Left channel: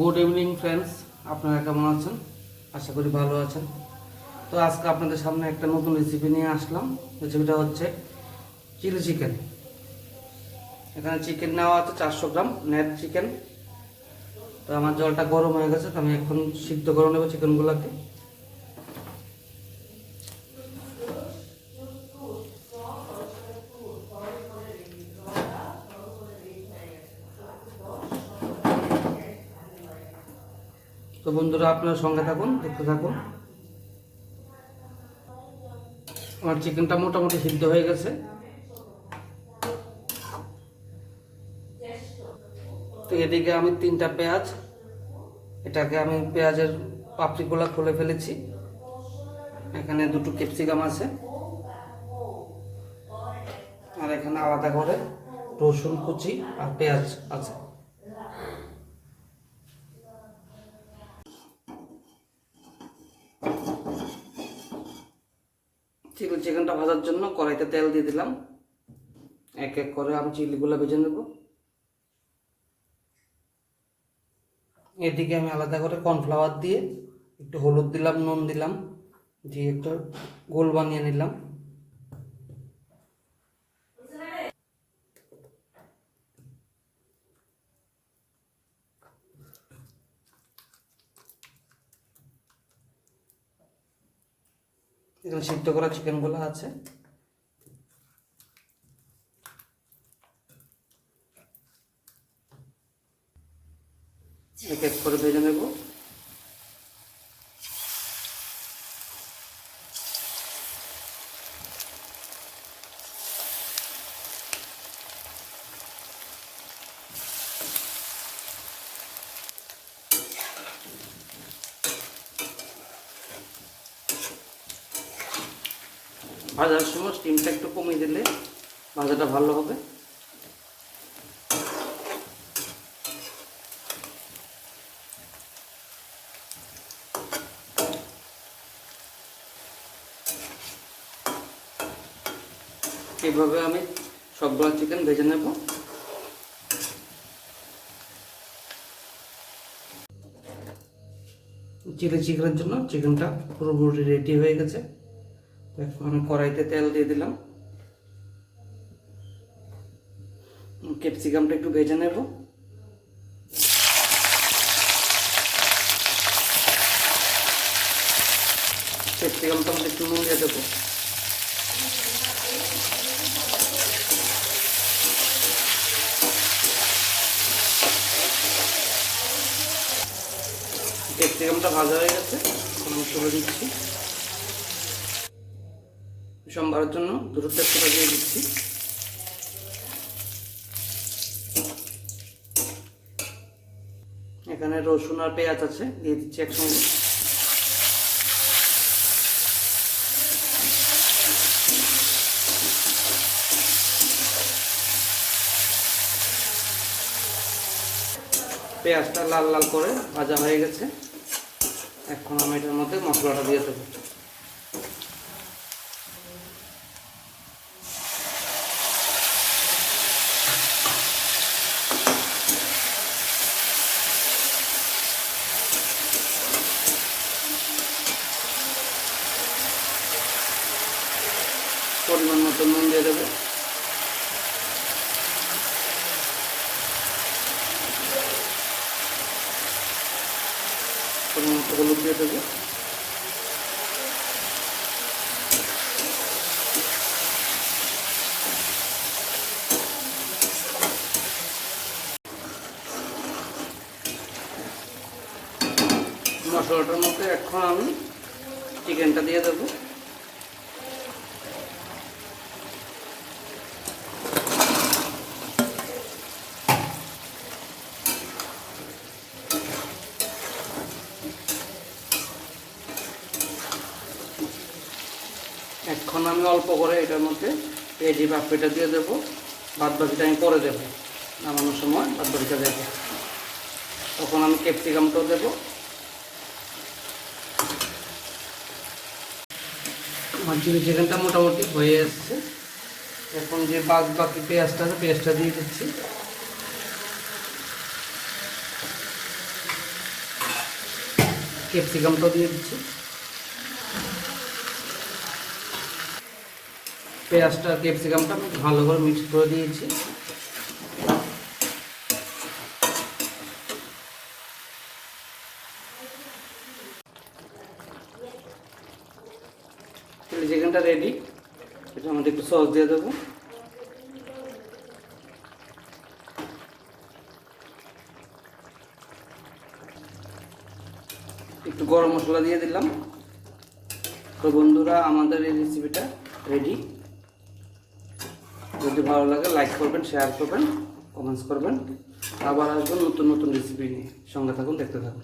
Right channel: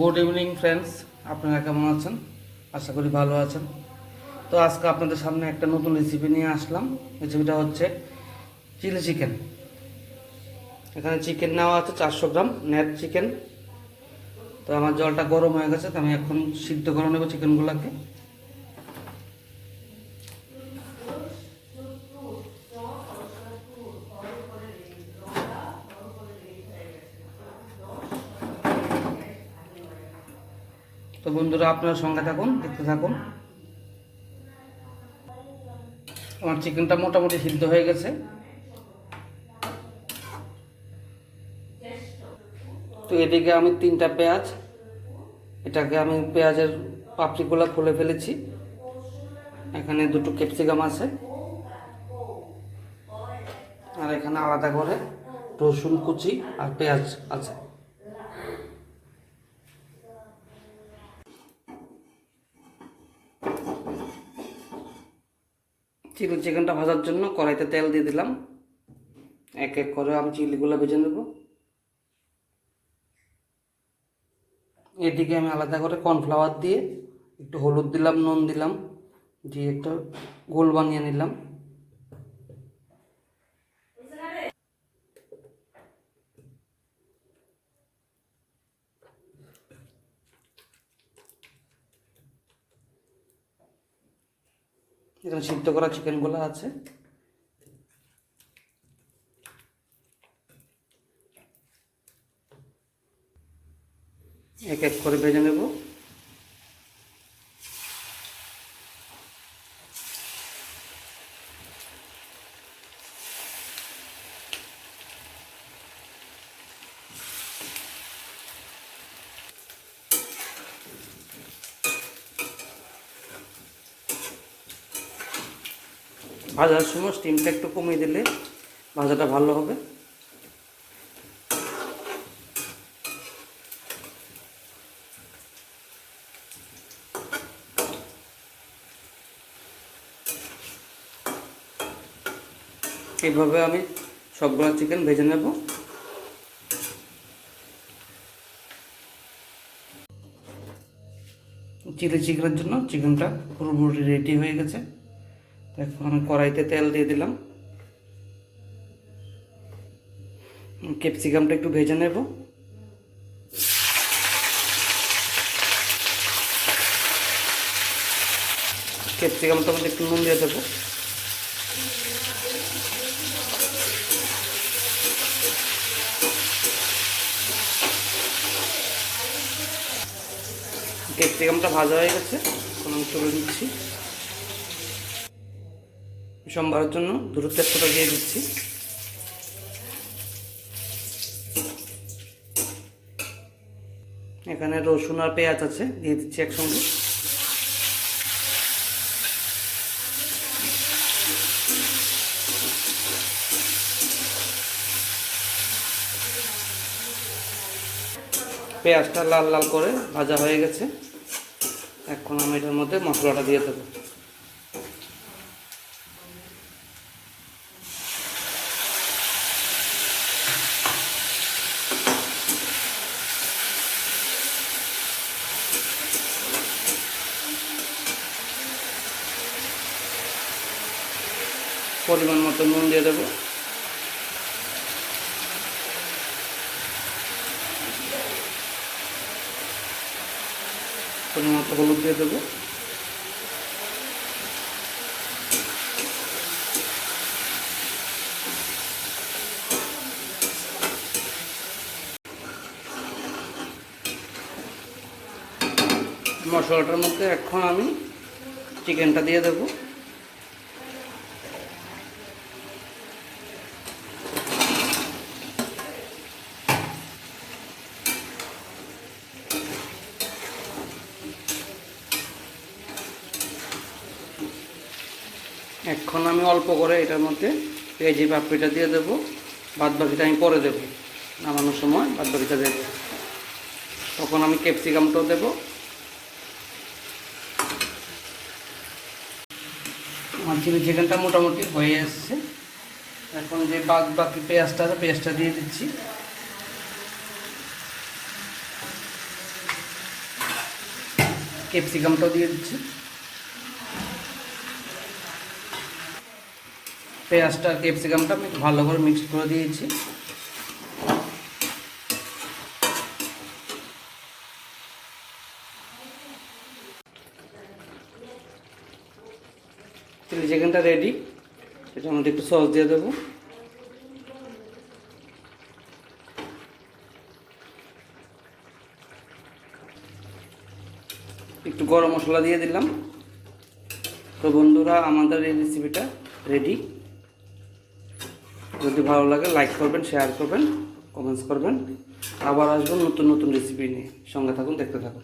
Good evening friends, আপনারা কেমন আছেন? আশা করি ভালো আছেন। তো আজকে আপনাদের সামনে একটা নতুন রেসিপি নিয়ে আসলাম। রেসিপিটা হচ্ছে চিলি চিকেন। এখানে চিকেন নেওয়া আছে 400 গ্রাম নেট চিকেন। তো আমার জলটা গরম হয়ে গেছে, তো আমি এখন সিদ্ধ করে নেব চিকেনগুলোকে। তো বন্ধুরা, আপনার সঙ্গে থাকুন, দেখতে থাকুন। আমার চিকেনটা মোটামুটি সিদ্ধ হয়ে গেছে। তো এদিকে আমি 3টা পেঁয়াজ, এটাকে আমি পেঁয়াজের পাপড়িগুলো খুলে ফেলেছি। এখানে 2টো ক্যাপসিকাম আছে, আর এখানে আলাদা করে রসুন কুচি আর পেঁয়াজ আছে। চিলি চিকেনটা ভাজার জন্য কড়াইতে তেল দিয়ে দিলাম। এক এক করে আমি চিলিগুলো ভেজে নেব। এদিকে আমি আলাদা করে কর্নফ্লাওয়ার দিয়ে একটু হলুদ দিলাম, নুন দিলাম, দিয়ে একটা গোল বানিয়ে নিলাম। এখানে সিদ্ধ করা চিকেনগুলো আছে, এক এক করে ভেজে নেব। ভাজার সময় স্টিমটা একটু কমিয়ে দিলে ভাজাটা ভালো হবে। এইভাবে আমি সবগুলো চিকেন ভেজে নেব। চিলি চিকেনের জন্য চিকেনটা পুরোপুরি রেডি হয়ে গেছে। এখন আমি কড়াইতে তেল দিয়ে দিলাম। ক্যাপসিকামটা একটু ভেজে নেব। ক্যাপসিকামটা মধ্যে একটু নুন দিয়ে দেবো। ক্যাপসিকামটা ভাজা হয়ে গেছে, এখন আমি তুলে দিচ্ছি। সম্বারের জন্য 2টো তেজপাতা দিয়ে দিচ্ছি। এখানে রসুন আর পেঁয়াজ আছে, দিয়ে দিচ্ছি একসঙ্গে। পেঁয়াজটা লাল লাল করে ভাজা হয়ে গেছে। এখন আমি এটার মধ্যে মশলাটা দিয়ে দেবো। পরিমাণ মতো নুন দিয়ে দেবো। পরিমাণ মতো হলুদ দিয়ে দেবো। মশলাটার মধ্যে এখন আমি চিকেনটা দিয়ে দেবো। এখন আমি অল্প করে এটার মধ্যে পেঁয়াজি পাপড়িটা দিয়ে দেবো। বাদ বাকিটা আমি পরে দেবো, নামানোর সময় বাদ বাকিটা দেবো। তখন আমি ক্যাপসিকামটাও দেবো। আমার চিলি চিকেনটা মোটামুটি হয়ে এসছে। এখন যে বাকি পেঁয়াজটা আছে, পেঁয়াজটা দিয়ে দিচ্ছি। ক্যাপসিকামটাও দিয়ে দিচ্ছি। পেঁয়াজটা ক্যাপসিকামটা আমি ভালো করে মিক্স করে দিয়েছি। চিলি চিকেনটা রেডি। এটা আমাদের একটু সস দিয়ে দেবো। একটু গরম মশলা দিয়ে দিলাম। তো বন্ধুরা, আমাদের এই রেসিপিটা রেডি। যদি ভালো লাগে লাইক করবেন, শেয়ার করবেন, কমেন্টস করবেন। আবার আসবেন নতুন নতুন রেসিপি নিয়ে। সঙ্গে থাকুন, দেখতে থাকুন।